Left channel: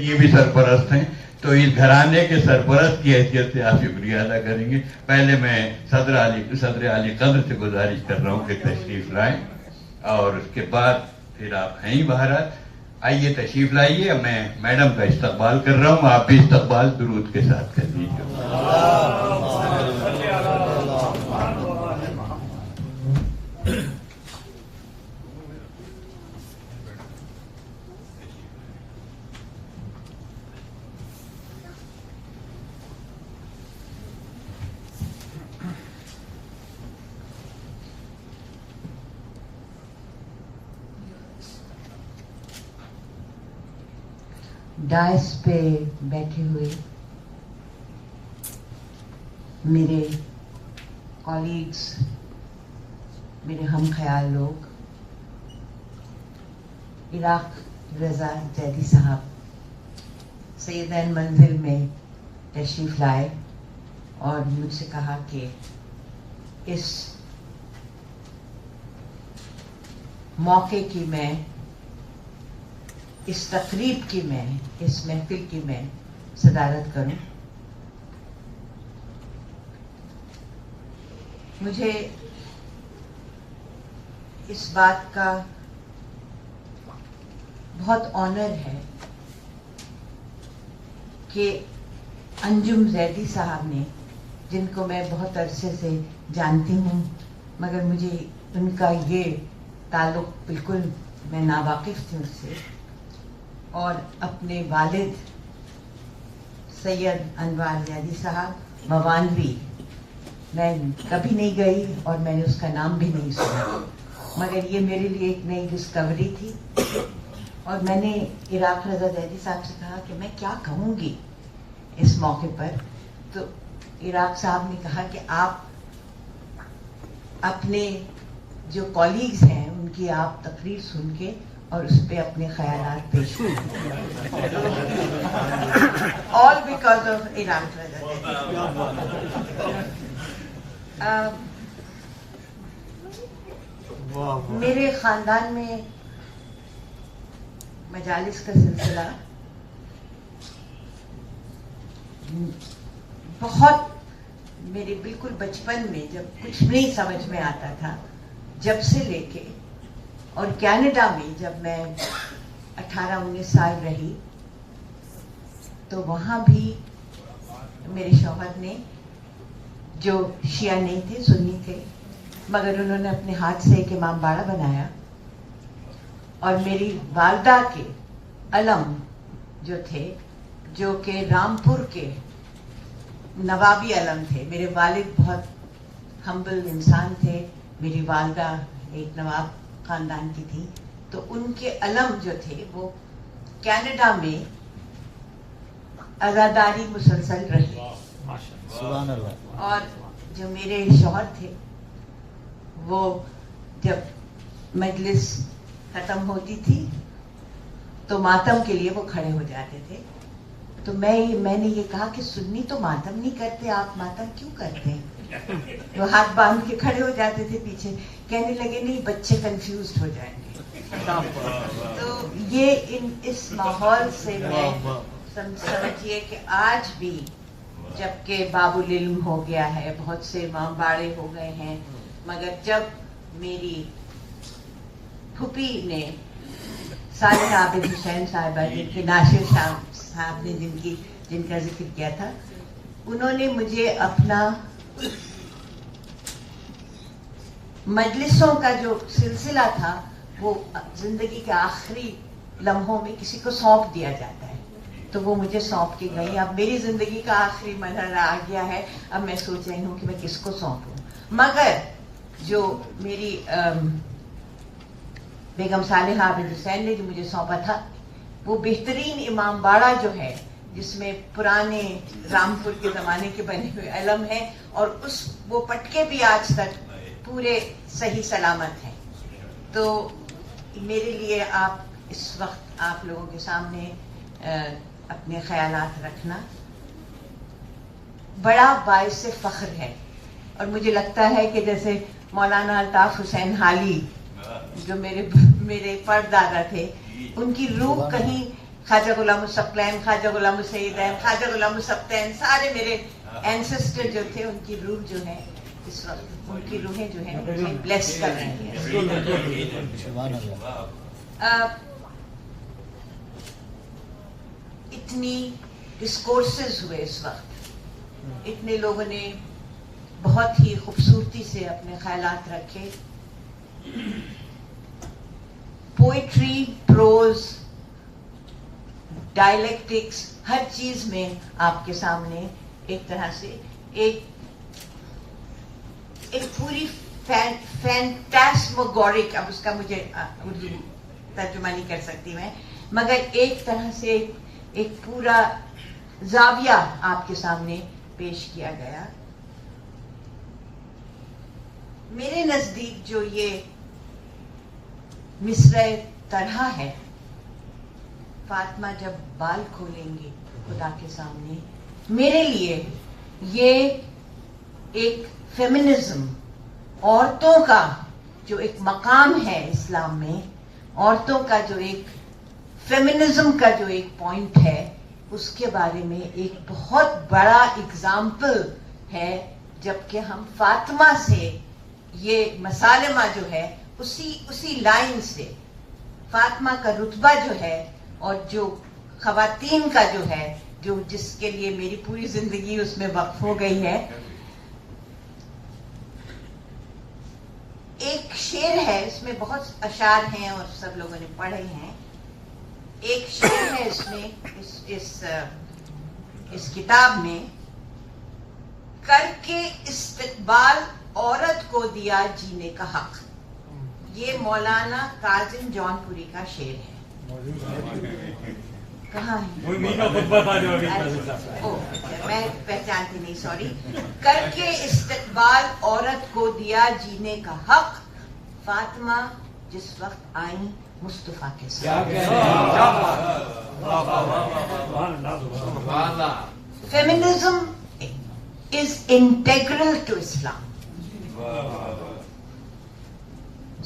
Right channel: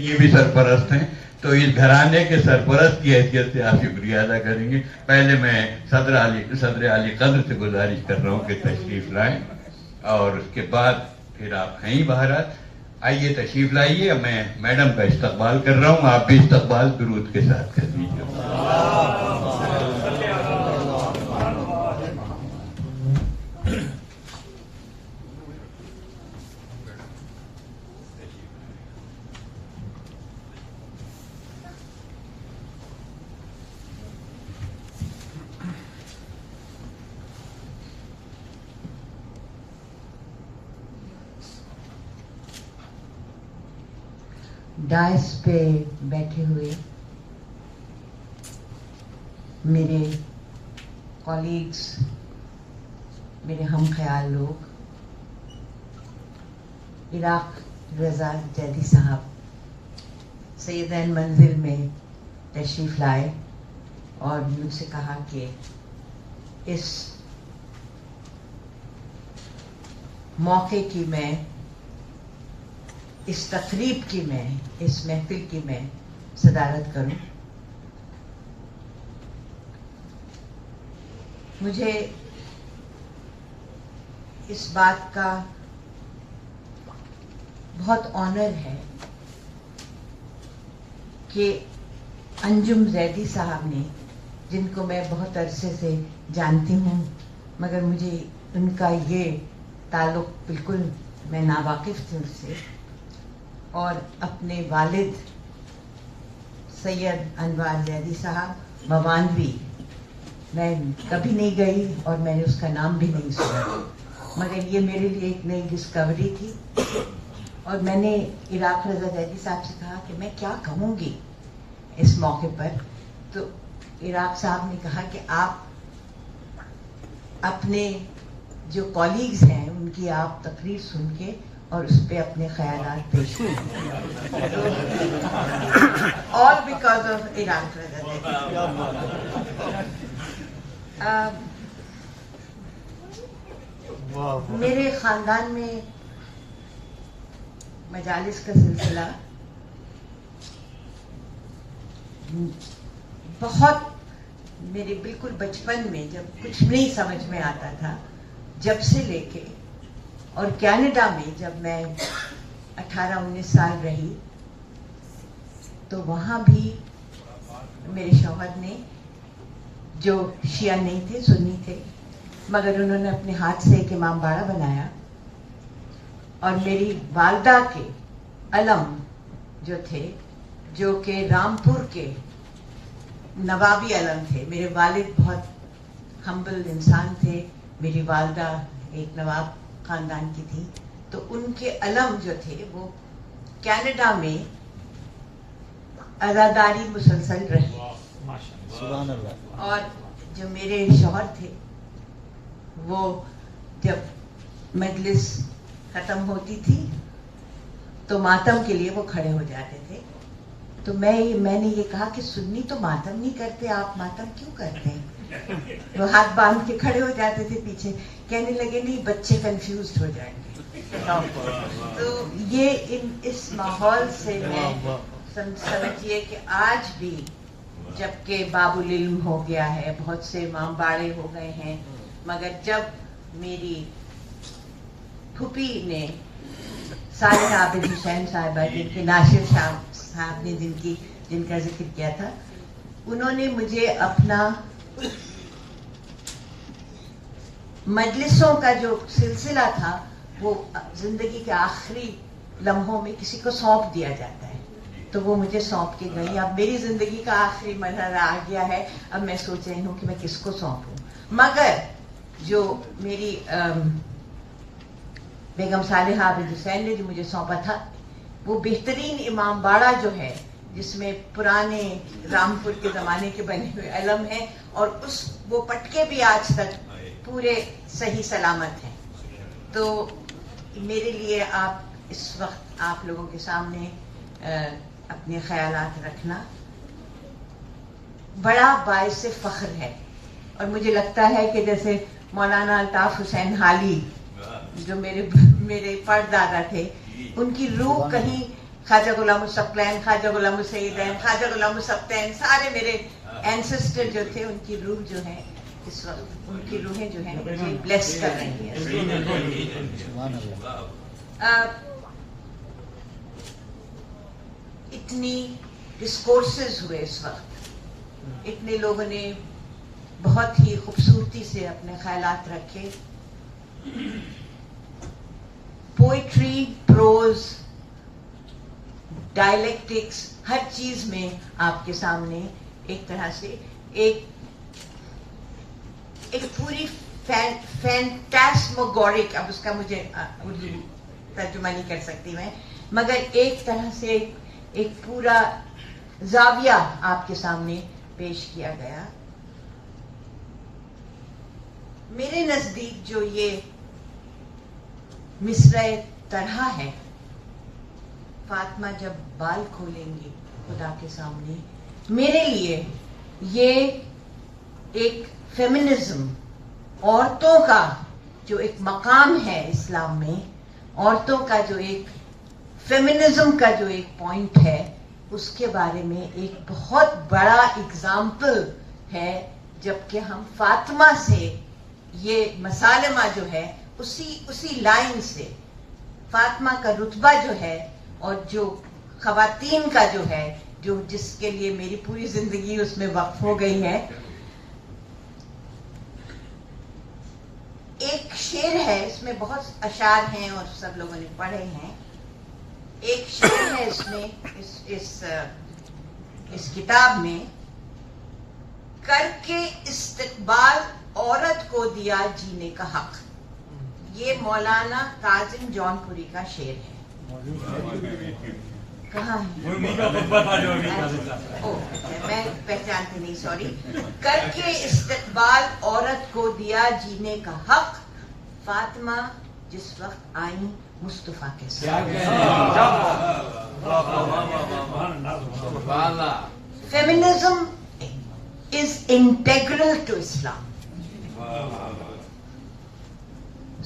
یہ بھی سرپرست ہیں، تو اس گھرانے کے سرپرست کی حیثیت سے آپ شکریہ ادا کریں گے. پہلے میں صدر علی قدر سے گزارش کر رہا ہوں کہ تشریف لائیں، اور اس کے بعد پھر آپ ہیں بہرحال آئیے تشریف لائیے. میں میڈم کا استقبال کر رہا ہوں، آپ بھی استقبال درود کے ساتھ کر دیجیے. ڈائس پہ بیٹھے ہوئے میرے کولیگز، میرے ہم خیال لوگ، عراق رضا زیدی صاحب سیدین منزل میں تشریف لائے اور مجھ سے کہا کہ اس موقع کی میں، اس تقریب کی میں، اس محفل کی میں صدارت کروں. مجھے اس بات کا بہت آنر ہے کہ انجم زیدی صاحب نے، جن کو میں بہت عرصے سے جانتی ہوں مگر مجھے ان کا یہ تعلق بالکل میں ناواقف تھی اس سے، اور اپنے والد سید انوار زیدی صاحب موانوی، میں کبھی نہیں گئی اور میں نے اس کا نام بھی نہیں سنا، مگر یہ میرے لیے ایک نئی ڈسکوری تھی. اور میں نے عراق رضا زیدی صاحب سے کہا کہ میں کیا کہوں گی اس موقع پر. تو عراق صاحب نے کہا کہ آپ اپنے جو کولیگز ہیں ان کی آپ تقریر سن کے اور اس پہ اپنے خیالات پیش کریں. آل بیکاز آف عراق رضا. میرے خاندان میں مجالس کا سلسلہ بہت، میرے بالکل بچپن میں جب کچھ نہیں سمجھ میں آتا تھا جب سے لے کے، اور کینیڈا میں جب میں 18-19 سال رہی تو وہاں بھی میرے شوہر نے، جو شیعہ نہیں تھے سنی تھے، مگر انہوں نے اپنے ہاتھ سے ایک امام باڑہ بنایا، اور میری والدہ کے علم جو تھے، جو کہ رامپور کے نوابی علم تھے. میرے والد بہت ہمبل انسان تھے، میری والدہ ایک نواب خاندان کی تھی، تو ان کے علم جو تھے وہ کینیڈا میں ازاداری مسلسل رہے. سبحان اللہ. اور جو میرے شوہر تھے وہ جب مجلس ختم ہوتی تھی تو ماتم کے لیے وہ کھڑے ہو جاتے تھے. تو میں نے یہ کہا کہ سنی تو ماتم نہیں کرتے، آپ ماتم کیوں کرتے ہیں؟ وہ ہاتھ باندھ کے کھڑے ہو جاتے تھے پیچھے. کہنے لگے نہیں، بچے کنفیوزڈ ہو جائیں گے. تو یہ اس ماحول سے میں سمجھیے کہ آج بھی، جبکہ باب العلم ہو گیا ہے، بہت سے امام باڑے ہو گئے ہیں، مگر جب میری پھوپھی نے صالح عابد حسین صاحبہ، جن کے ناصر صاحب نے جن کا ذکر کیا تھا، انہوں نے مجھے اپنا مجلسوں کا جو سلسلہ تھا وہ زندگی کے آخری لمحوں میں کسی کو سونپ دیا جاتا ہے، تو وہ مجھے سونپ کے گئی. اب میری زندگی کا آخری مرحلہ آ گیا ہے، اب میں سوچ رہی ہوں کہ میں کس کو سونپوں. مگر جو میری بیگم صالحہ عابد حسین نے جو مجھے سونپا تھا، وہ بہترین امام باڑہ جو ہے، جس میں پرانے رامپور کے زمانے کے بنے ہوئے علم ہیں، اور وہ پٹکے بھی آج تک پورے صحیح سلامت ہیں. تو میرے لیے آپ اس وقت آپ لوگوں کے سامنے اپنے خیالات رکھنا بڑا باعث فخر ہے. اور مجھے لگتا ہے کہ جیسے مولانا الطاف حسین حالی جو میرے پردادا تھے، ان کی روح کہیں خواجہ غلام الثقلین، خواجہ غلام السیدین، خواجہ غلام السبتین، سارے میرے اینسسٹر جو تھے ان کی روح جو ہے اس وقت، ان کی روحیں جو ہیں مجھے بلیس کر رہی ہیں. سبحان اللہ. اتنی ڈسکورسز ہوئے اس وقت، اتنے لوگوں نے بہت ہی خوبصورتی سے اپنے خیالات رکھے. پوئٹری، پروز، ڈائلیکٹکس، ہر چیز میں آپ کے سامنے ایک طرح سے ایک پوری فینٹاسموگورک، اب اس کا مجھے اردو ترجمہ نہیں کر سکتی میں، مگر ایک طرح سے ایک پورا زاویہ آپ کے سامنے پیش کیا گیا. میرے نزدیک جو یہ مصرع طرح ہے، فاطمہ جب بال کھولیں گی خدا کے سامنے، میرے لیے یہ ایک فیمنزم، عورتوں کا جو ایک مقام ہے اسلام میں، عورتوں کا جو ایک فیمنزم کا جو ایک پوائنٹ ہے، اس کے بارے میں ایک بہت بڑا اگزامپل ہے. جبکہ ہم فاطمہ سے یہ مسالمہ جو ہے اسی لائن سے فاطمہ کا رتبہ جو ہے، اور جو خواتین کا جو ہے، جو جس کے لیے میری پوری زندگی اس میں وقف ہو گئی ہے. ایک شعر ہے، اس میں بہت اشعار ہیں اور سب لوگوں نے پڑھے ہیں. ایک شعر ہے اس میں، اس کتاب میں، کر کے استقبال عورت کو دیا جینے کا حق. یہ مولانا کاظم جون پوری کا شعر ہے. کہاں ہے؟ میں پہچانتی نہیں، سوری. کر کے استقبال عورت کو دیا جینے کا حق، فاطمہ جس وقت آئیں مصطفیٰ کے ساتھ. فیمنزم از انٹیگرل ٹو اسلام.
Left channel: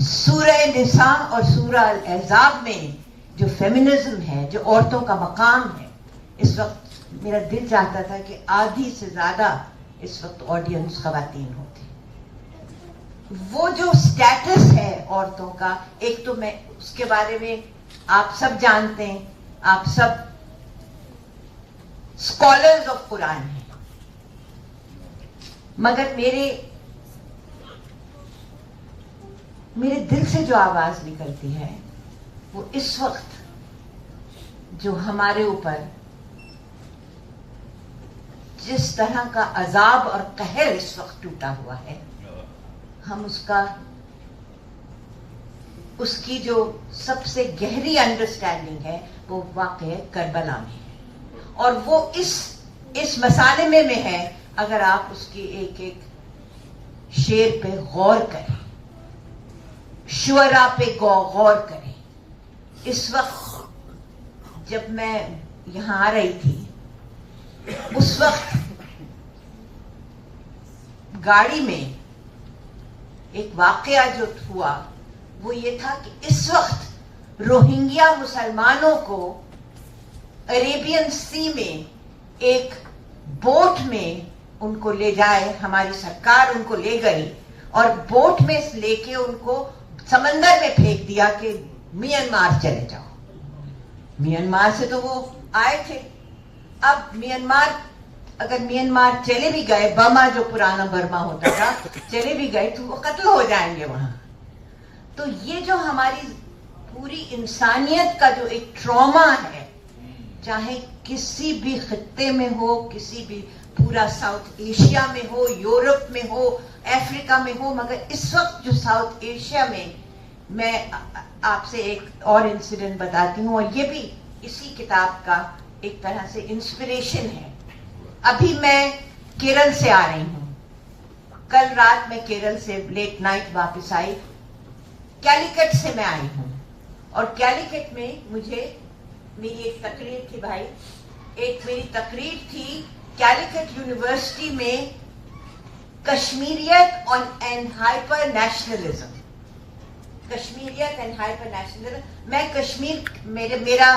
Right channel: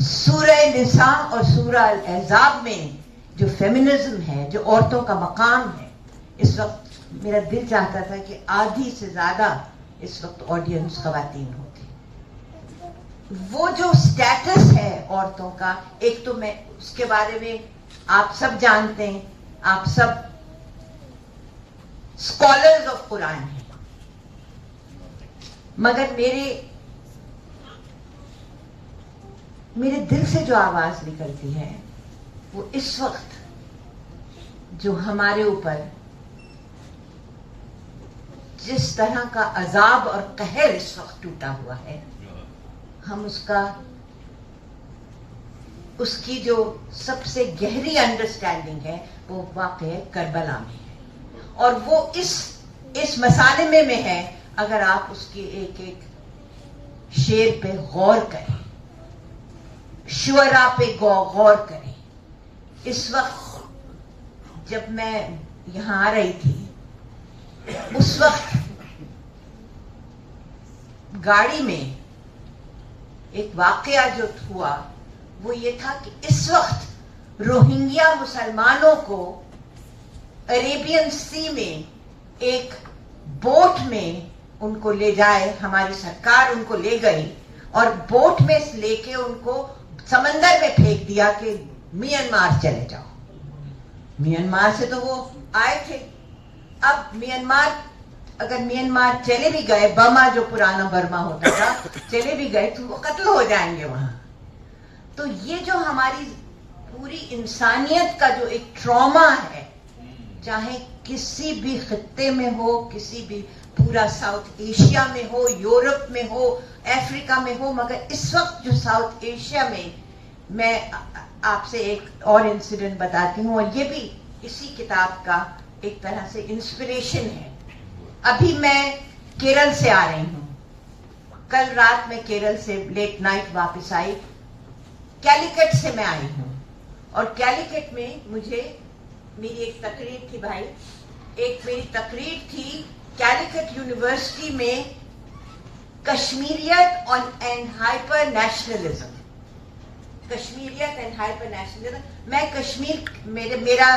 سورہ نساء اور سورہ الاحزاب میں جو فیمنزم ہے، جو عورتوں کا مقام ہے، اس وقت میرا دل چاہتا تھا کہ آدھی سے زیادہ اس وقت آڈینس خواتین ہوتی. وہ جو سٹیٹس ہے عورتوں کا، ایک تو میں اس کے بارے میں آپ سب جانتے ہیں، آپ سب اسکالرز آف قرآن ہیں، مگر میرے دل سے جو آواز نکلتی ہے وہ اس وقت جو ہمارے اوپر جس طرح کا عذاب اور قہر اس وقت ٹوٹا ہوا ہے، ہم اس کی جو سب سے گہری انڈرسٹینڈنگ ہے وہ واقع کربلا میں ہے، اور وہ اس مسالمے میں ہے. اگر آپ اس کی ایک ایک شعر پہ غور کریں، شعرا پہ غور کریں. اس وقت جب میں یہاں آ رہی تھی، اس وقت گاڑی میں ایک واقعہ جو ہوا وہ یہ تھا کہ اس وقت روہنگیا مسلمانوں کو عریبین سی میں ایک بوٹ میں ان کو لے جائے، ہماری سرکار ان کو لے گئی اور بوٹ میں لے کے ان کو سمندر میں پھینک دیا کہ میانمار چلے جاؤ. میانمار سے تو وہ آئے تھے. اب اگر میانمار چلے بھی گئے، برما جو پرانا برما ہوتا تھا، چلے بھی گئے تو وہ قتل ہو جائیں گے وہاں. تو یہ جو ہماری پوری انسانیت کا جو ایک ٹراما ہے، چاہے کسی بھی خطے میں ہو، کسی بھی پورا ساؤتھ ایشیا میں ہو، یورپ میں ہو، افریقہ میں ہو، مگر اس وقت جو ساؤتھ ایشیا میں آپ سے ایک اور انسیڈنٹ بتاتی ہوں، اور یہ بھی اسی کتاب کا ایک طرح سے انسپریشن ہے. ابھی میں کیرل سے آ رہی ہوں، کل رات میں کیرل سے لیٹ نائٹ واپس آئی. کیلیکٹ سے میں آئی ہوں، اور کیلیکٹ میں میری ایک تقریر تھی بھائی، میری تقریر تھی کیلیکٹ یونیورسٹی میں، کشمیریت اینڈ ہائپر نیشنلزم. کشمیریت اینڈ ہائپر نیشنلزم. میں کشمیر، میرا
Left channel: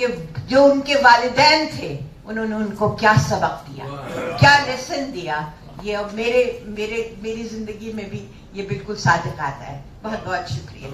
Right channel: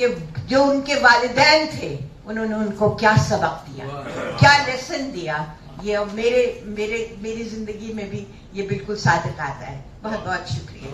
کہ جو ان کے والدین تھے انہوں نے ان کو کیا سبق دیا, کیا لیسن دیا. یہ اب میری زندگی میں بھی یہ بالکل صادق آتا ہے. بہت بہت شکریہ.